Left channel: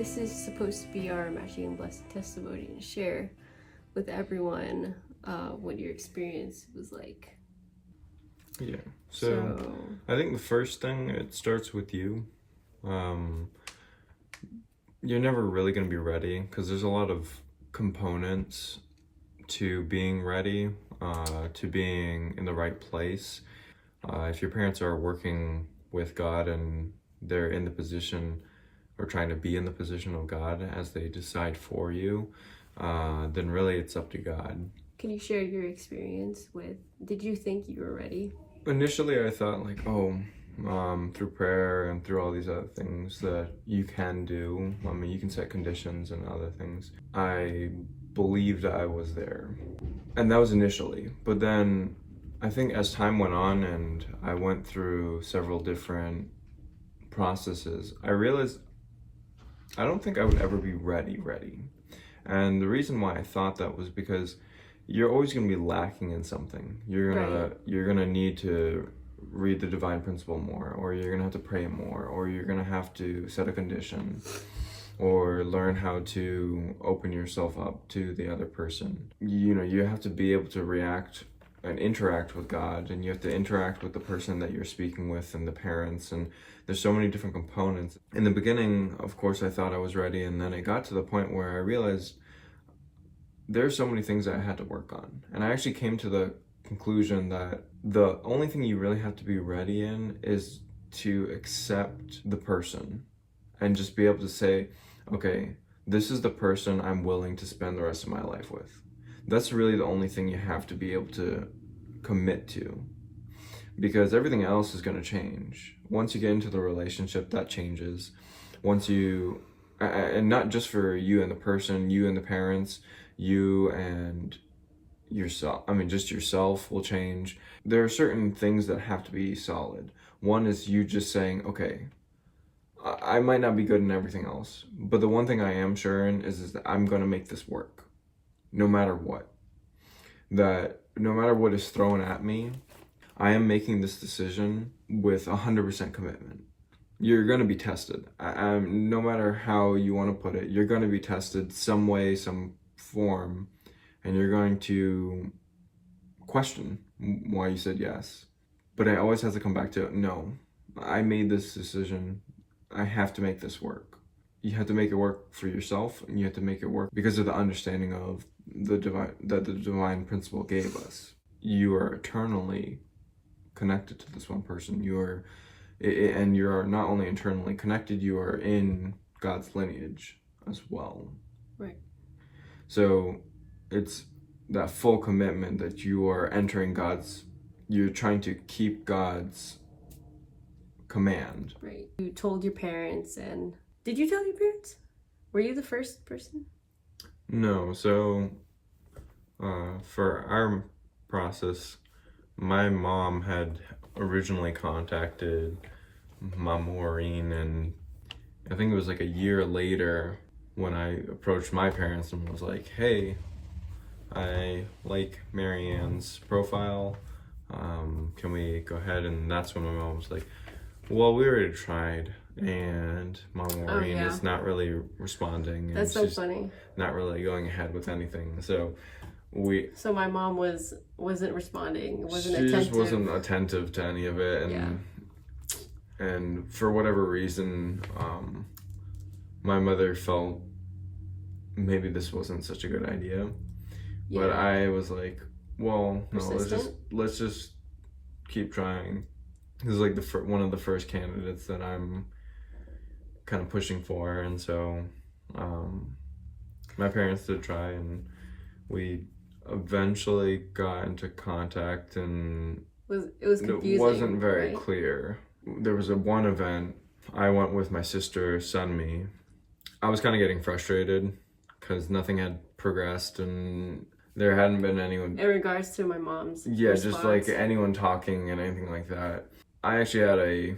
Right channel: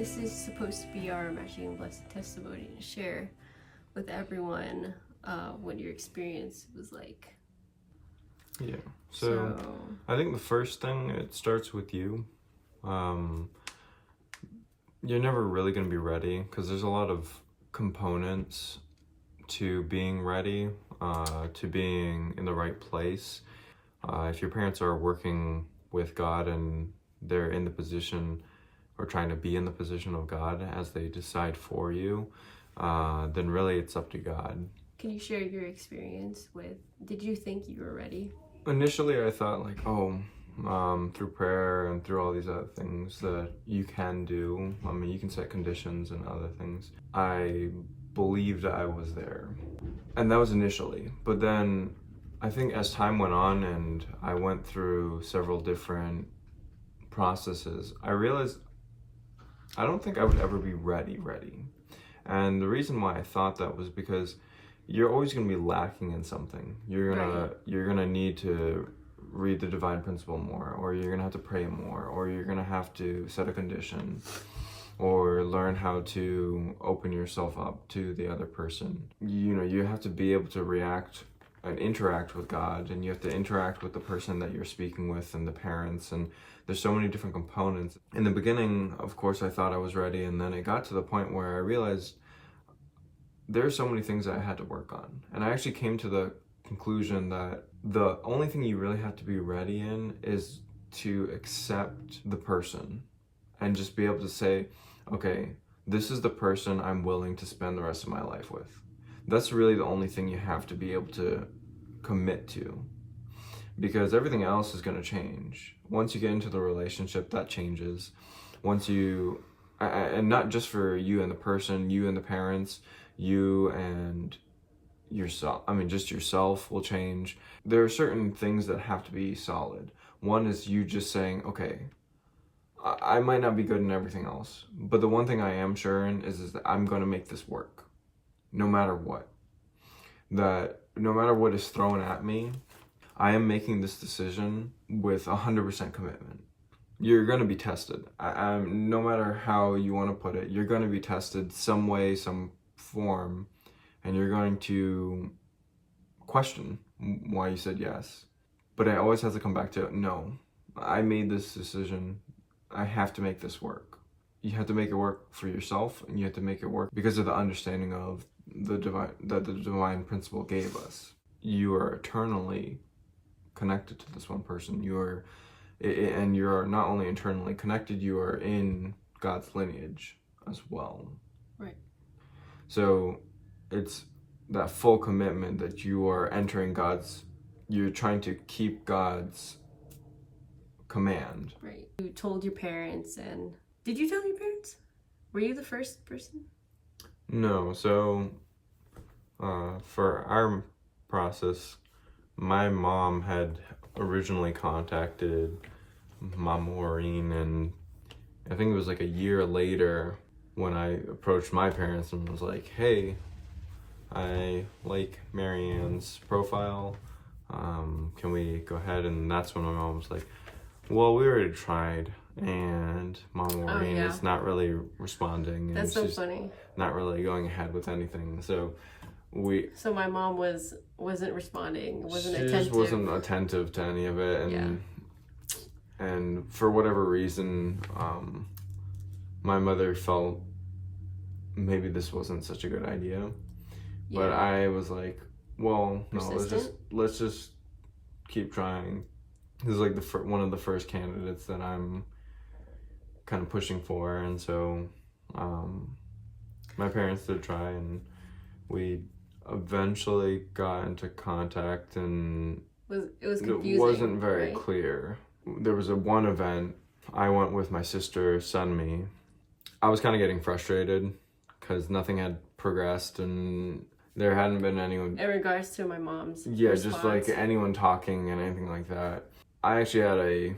This is supposed to be our matching and blessed testimony to share with everyone what your experience was like. Yeah. So I think the first thing, it starts with you. You're never really going to be ready because there's a lot of components to being ready, to being in the right place. If your parents are working with God and they're in the position or trying to be in the position of God as they decide for you, then really it's up to God. Can you share your experience with, did you think you were ready? Initially I thought like, through prayer and through all these other things that you can do, you can set conditions and other things. I believed I was there. And that was initially. But then I think as time went on and I went through several different processes, I realized I don't think I would ever be ready. And the reason why I thought that was because you're always going to be lacking in something. You're gonna need to read the divine principle more, or you're gonna have to pray more, or you're gonna have to set a condition, or learn how to open yourself up to the other person. You have to be able to react and interact with God, and you have to interact with the person that you're speaking with and the parents, and there's so many different components. In the beginning, of course, I thought I was ready, and then it got to the point where I realized there's so many things that I had to work on. And I actually came to the conclusion that the only thing you really have to be ready in is to accept the person and just be able to say, okay, this is the person I'm willing to spend the rest of my life with. That's really the only thing you have to be able to commit to, because everything else is going to change. Once you get into the relationship, that changes. And not just for you and the person, you and the parents, you and yourself. Just yourself will change. There are certain things that have to be solid. One is you just saying, okay, I might not be good in everything else, but the one thing I am sure in is that I'm going to make this work. No matter what. That no matter what is thrown at me, I am making this decision with 100% commitment. You're going to be tested. No matter how you want to put it, you're going to be tested some way, some form, and you're going to question why you said yes. But I always have to come back to, no, I made this decision. I have to make this work. You have to make it work for yourself, and you have to make it work because of the understanding of the divine principle gave us. You are eternally connected to this one person. You're not only internally connected, you are in God's lineage as well. Right. So it's that full commitment that you are entering you're trying to keep God's command. Right. You told your parents, and did you tell your parents? Were you the first person? No, so for our process, my mom had originally contacted Maryanne, and I think it was like a year later when I approached my parents and was like, hey, I like Maryanne's profile, can we go ahead? And that's when my mom was like, well, we already tried, and Maryanne is not really responding. That's so funny. Not really going ahead with anything. So my mom wasn't responding, wasn't she attentive. Just wasn't attentive to any of it, and for whatever reason, my mother felt maybe this wasn't such a good idea. Yeah. But I was like, well, no, let's just keep trying. This is like one of the first candidates that I'm kind of pushing for, and so my parents did try, and we eventually got into contact, and it was confusing. It wasn't very clear. There was one event I went with my sister, Sunmi. I was kind of getting frustrated because nothing had progressed, and there hadn't been anyone in regards to my mom's response. Just like anyone talking and anything like that. I actually had a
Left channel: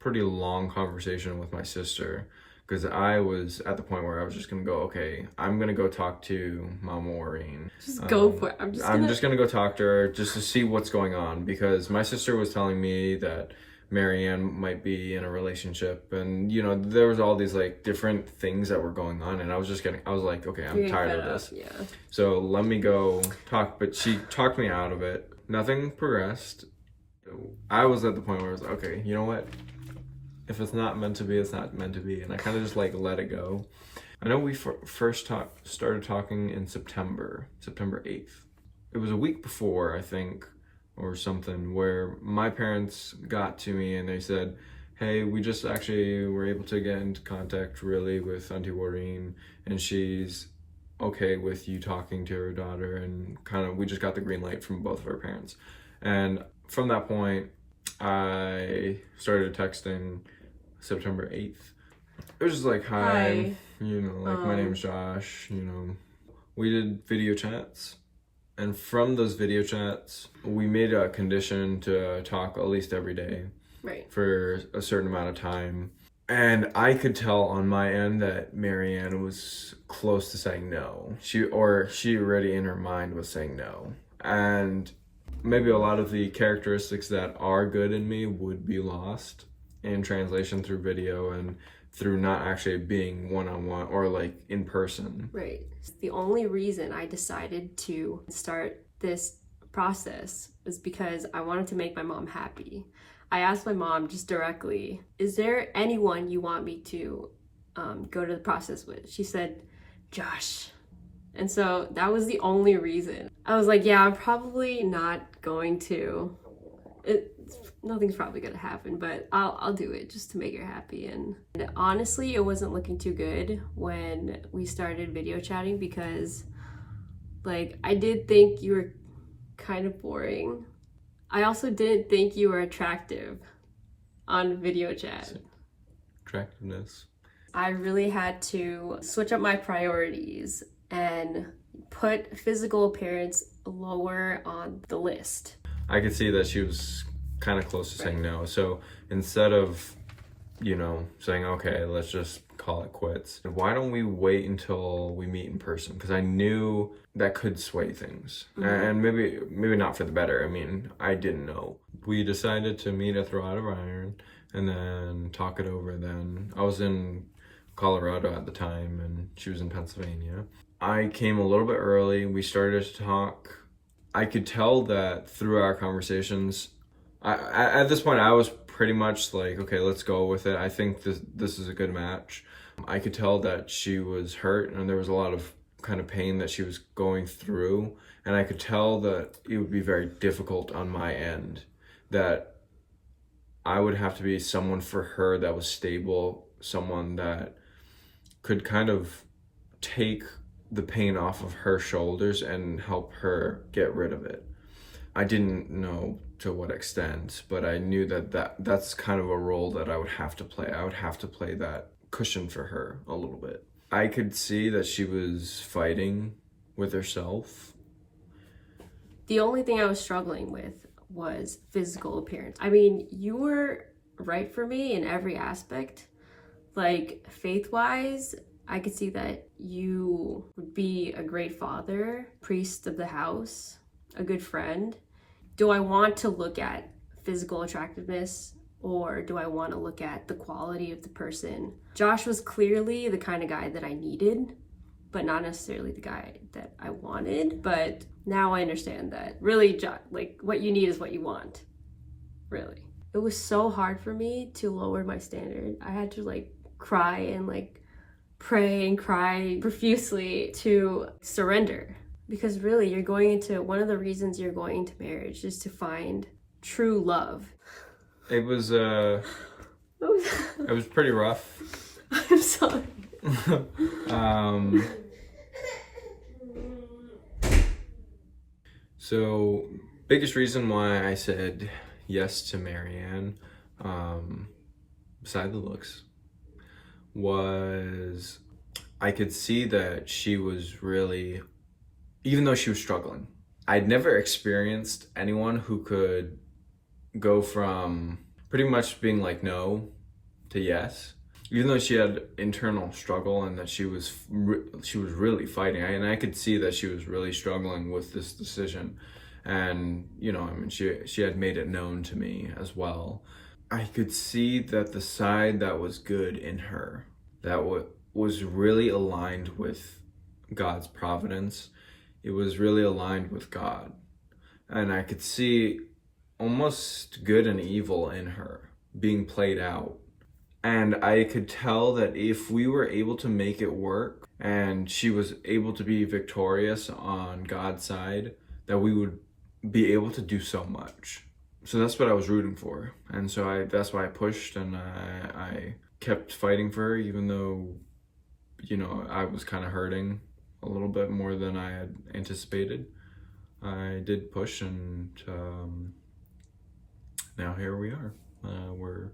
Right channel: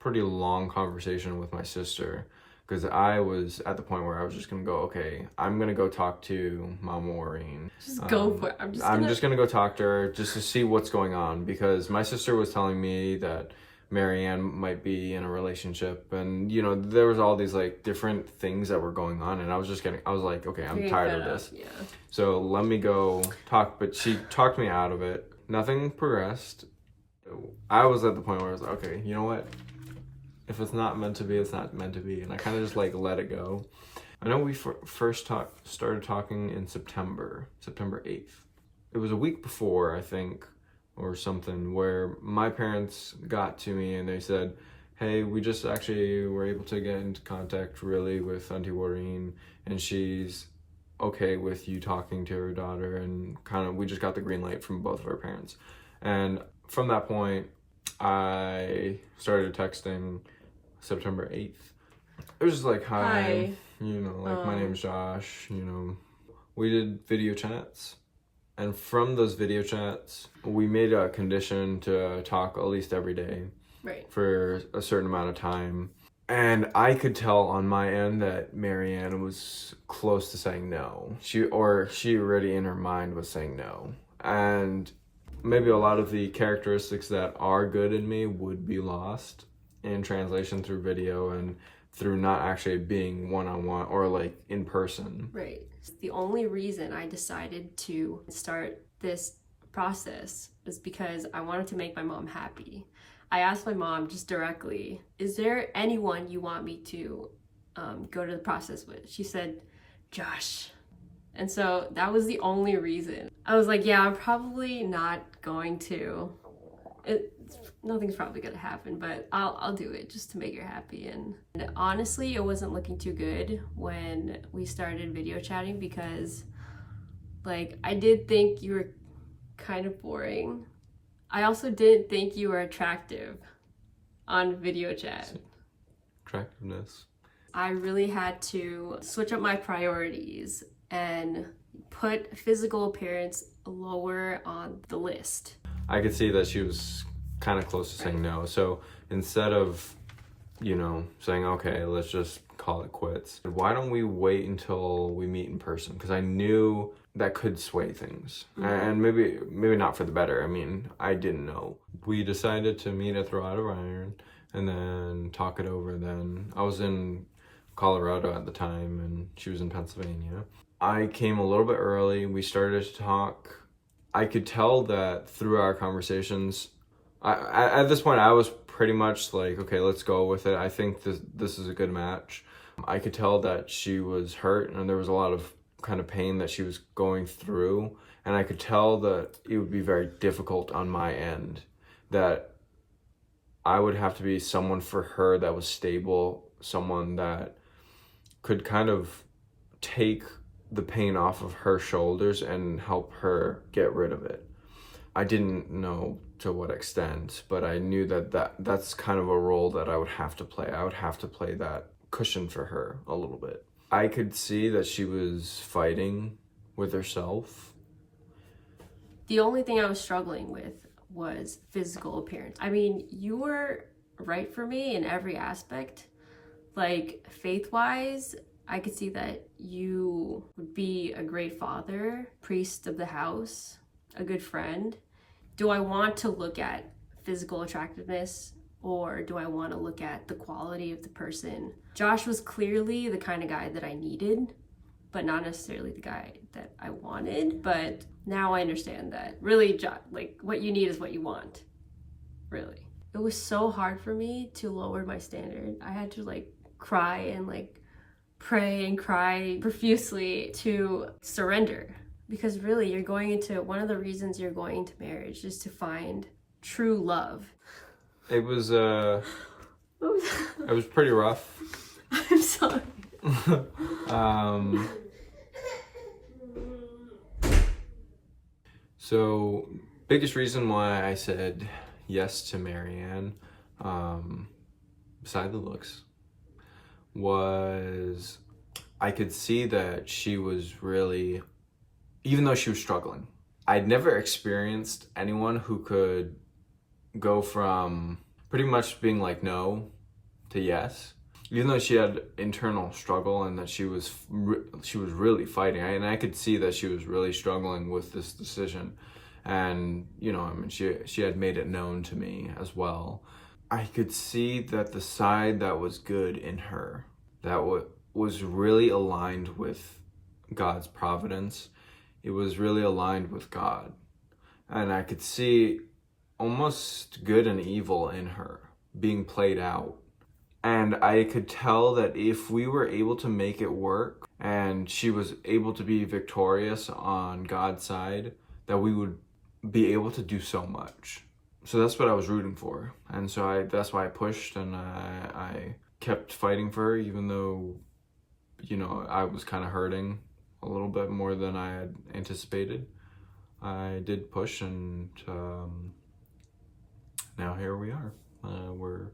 pretty long conversation with my sister because I was at the point where I was just gonna go, okay, I'm gonna go talk to Maryanne. Just go for it. I'm just gonna go talk to her just to see what's going on, because my sister was telling me that Maryanne might be in a relationship, and you know, there was all these like different things that were going on, and I was like, okay, I'm tired of this. Yeah. So let me go talk. But she talked me out of it. Nothing progressed. I was at the point where I was like, okay, you know what? If it's not meant to be, it's not meant to be, and I kind of just like let it go. I know we first started talking in September 8th. It was a week before, I think, or something, where my parents got to me and they said, hey, we just actually were able to get into contact really with Auntie Wareen, and she's okay with you talking to her daughter, and kind of we just got the green light from both of our parents. And from that point, I started texting September 8th. It was just like, hi. You know, like, my name's Josh, you know. We did video chats, and from those video chats, we made a condition to talk at least every day. Right. For a certain amount of time. And I could tell on my end that Maryanne was close to saying no. She already in her mind was saying no. And maybe a lot of the characteristics that are good in me would be lost in translation through video and through not actually being one-on-one or like in person. Right. The only reason I decided to start this process is because I wanted to make my mom happy. I asked my mom just directly, is there anyone you want me to go to the process with? She said, Josh. And so that was the only reason. I was like, yeah, I'm probably not going to. Nothing's probably gonna happen, but I'll do it just to make her happy. And honestly, it wasn't looking too good when we started video chatting, because like, I did think you were kind of boring. I also didn't think you were attractive on video chat. Attractiveness. I really had to switch up my priorities and put physical appearance lower on the list. I could see that she was kind of close to saying no. So instead of, you know, saying, okay, let's just call it quits, why don't we wait until we meet in person? Because I knew that could sway things. And maybe not for the better. I mean, I didn't know. We decided to meet at Throw Out of Iron and then talk it over then. I was in Colorado at the time and she was in Pennsylvania. I came a little bit early. We started to talk. I could tell that through our conversations, at this point I was pretty much like, okay, let's go with it. I think this is a good match. I could tell that she was hurt and there was a lot of kind of pain that she was going through, and I could tell that it would be very difficult on my end, that I would have to be someone for her that was stable, someone that could kind of take the pain off of her shoulders and help her get rid of it. I didn't know to what extent, but I knew that's kind of a role that I would have to play. I would have to play that cushion for her a little bit. I could see that she was fighting with herself. The only thing I was struggling with was physical appearance. I mean, you were right for me in every aspect. Like, faith-wise, I could see that you would be a great father, priest of the house, a good friend. Do I want to look at physical attractiveness, or do I want to look at the quality of the person? Josh was clearly the kind of guy that I needed, but not necessarily the guy that I wanted. But now I understand that really, like, what you need is what you want, really. It was so hard for me to lower my standard. I had to like cry and like pray and cry profusely to surrender, because really you're going into, one of the reasons you're going into marriage is to find true love. It was pretty rough. I'm sorry. So biggest reason why I said yes to Maryanne, beside the looks, was I could see that she was really, even though she was struggling, I'd never experienced anyone who could go from pretty much being like no to yes, even though she had internal struggle and that she was really fighting. And I could see that she was really struggling with this decision. And, you know, I mean, she had made it known to me as well. I could see that the side that was good in her, that was really aligned with God's providence. It was really aligned with God. And I could see almost good and evil in her being played out. And I could tell that if we were able to make it work and she was able to be victorious on God's side, that we would be able to do so much. So that's what I was rooting for. And so that's why I pushed, and I kept fighting for her, even though, you know, I was kind of hurting a little bit more than I had anticipated. I did push, and now here we are. We're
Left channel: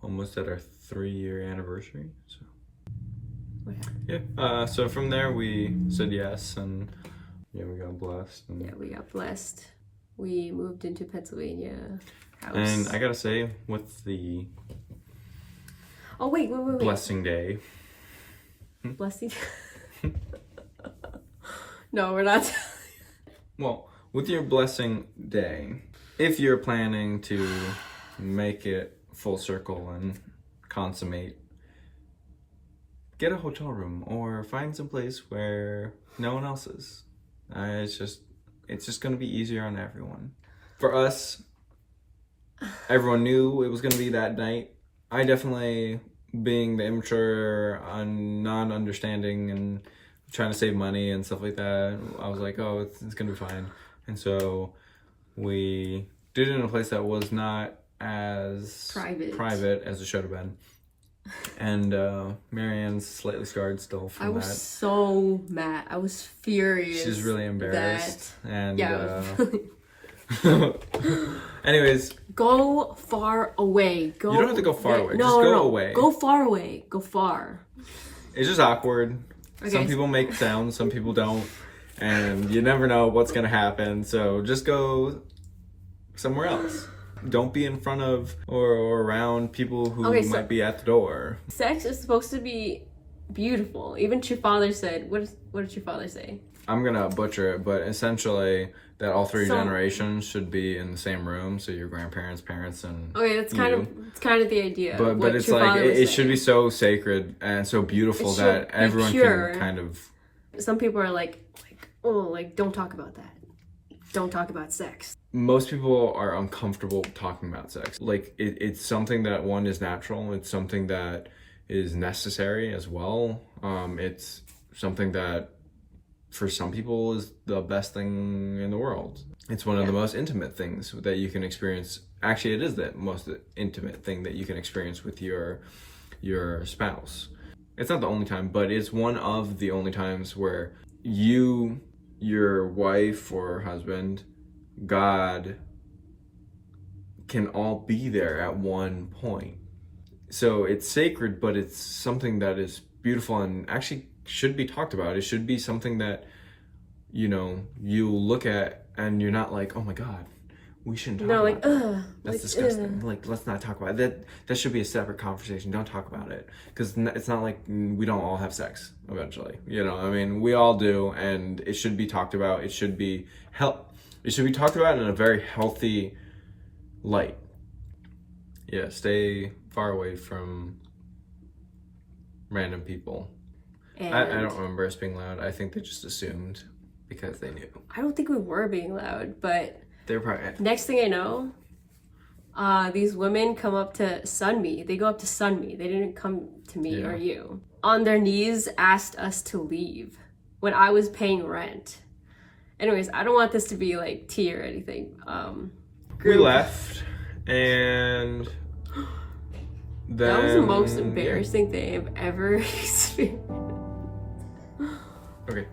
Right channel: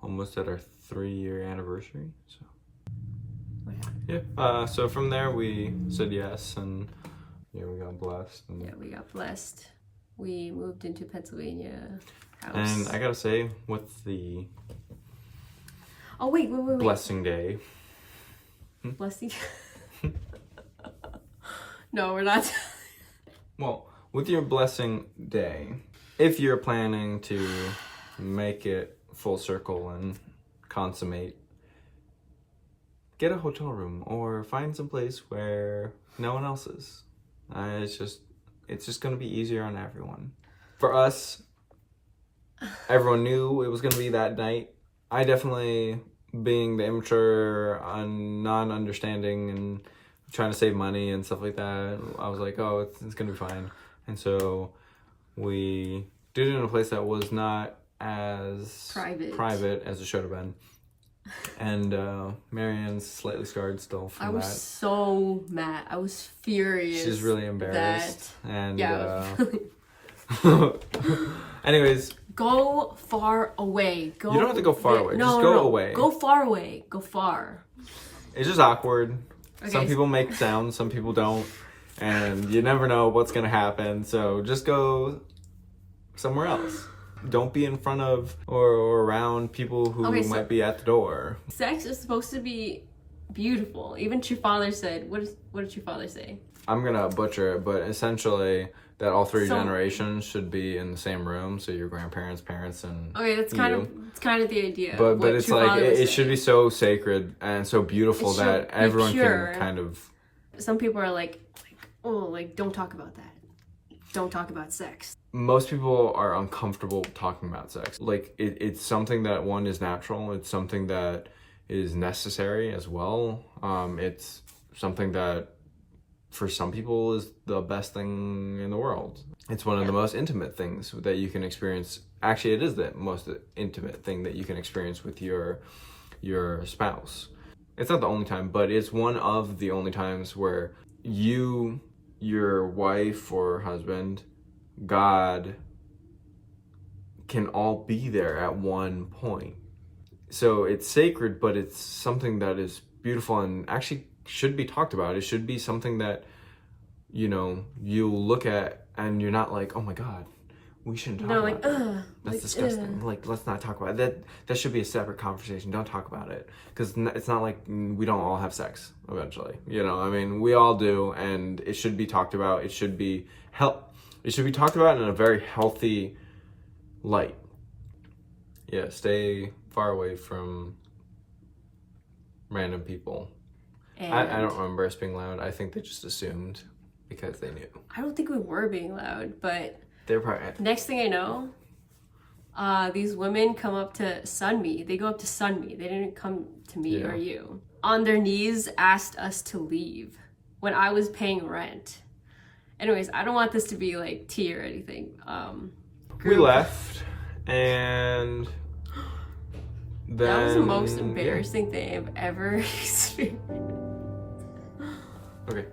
almost at our 3-year anniversary. So yeah. So from there we said yes, and yeah, we got blessed. And yeah, we got blessed. We moved into Pennsylvania house. And I gotta say, with the wait. blessing day. Blessing? No, we're not. Well, with your blessing day, if you're planning to make it full circle and consummate, get a hotel room or find some place where no one else is. It's just going to be easier on everyone. For us, everyone knew it was going to be that night. I definitely, being the immature, non-understanding, and trying to save money and stuff like that, I was like, oh, it's going to be fine. And so we did it in a place that was not as private as it should have been. And Maryanne's slightly scarred still from that. I was so mad. I was furious. She's really embarrassed. And yeah. anyways, go far away. Go. You don't have to go far away. No, just go away. Go far away. Go far. It's just awkward. Okay. Some people make sounds, some people don't, and you never know what's gonna happen. So just go somewhere else. Don't be in front of or around people who might be at the door. Sex is supposed to be beautiful. Even your father said, what did your father say? I'm gonna butcher it, but essentially that all three generations should be in the same room. So your grandparents, parents, and it's kind of the idea. But it's like it should be so sacred and so beautiful that everyone can kind of. Some people are like don't talk about that. Don't talk about sex. Most people are uncomfortable talking about sex. Like it's something that one is natural. It's something that is necessary as well. It's something that for some people is the best thing in the world. It's one of the most intimate things that you can experience. Actually, it is the most intimate thing that you can experience with your spouse. It's not the only time, but it's one of the only times where you, your wife or husband, God can all be there at one point. So it's sacred, but it's something that is beautiful and actually should be talked about. It should be something that, you know, you look at and you're not like, oh my God, we shouldn't talk about that. That's disgusting. Like, let's not talk about it. That should be a separate conversation. Don't talk about it. Because it's not like we don't all have sex eventually. You know, I mean, we all do, and it should be talked about. It should be It should be talked about in a very healthy light. Yeah, stay far away from random people. I don't remember us being loud. I think they just assumed because they knew. I don't think we were being loud, but they were probably. Next thing I know, these women come up to sun me. They go up to sun me. They didn't come to me or you. On their knees, asked us to leave when I was paying rent. Anyways, I don't want this to be like tea or anything. We left, and then, that was the most embarrassing thing I've ever experienced. Okay.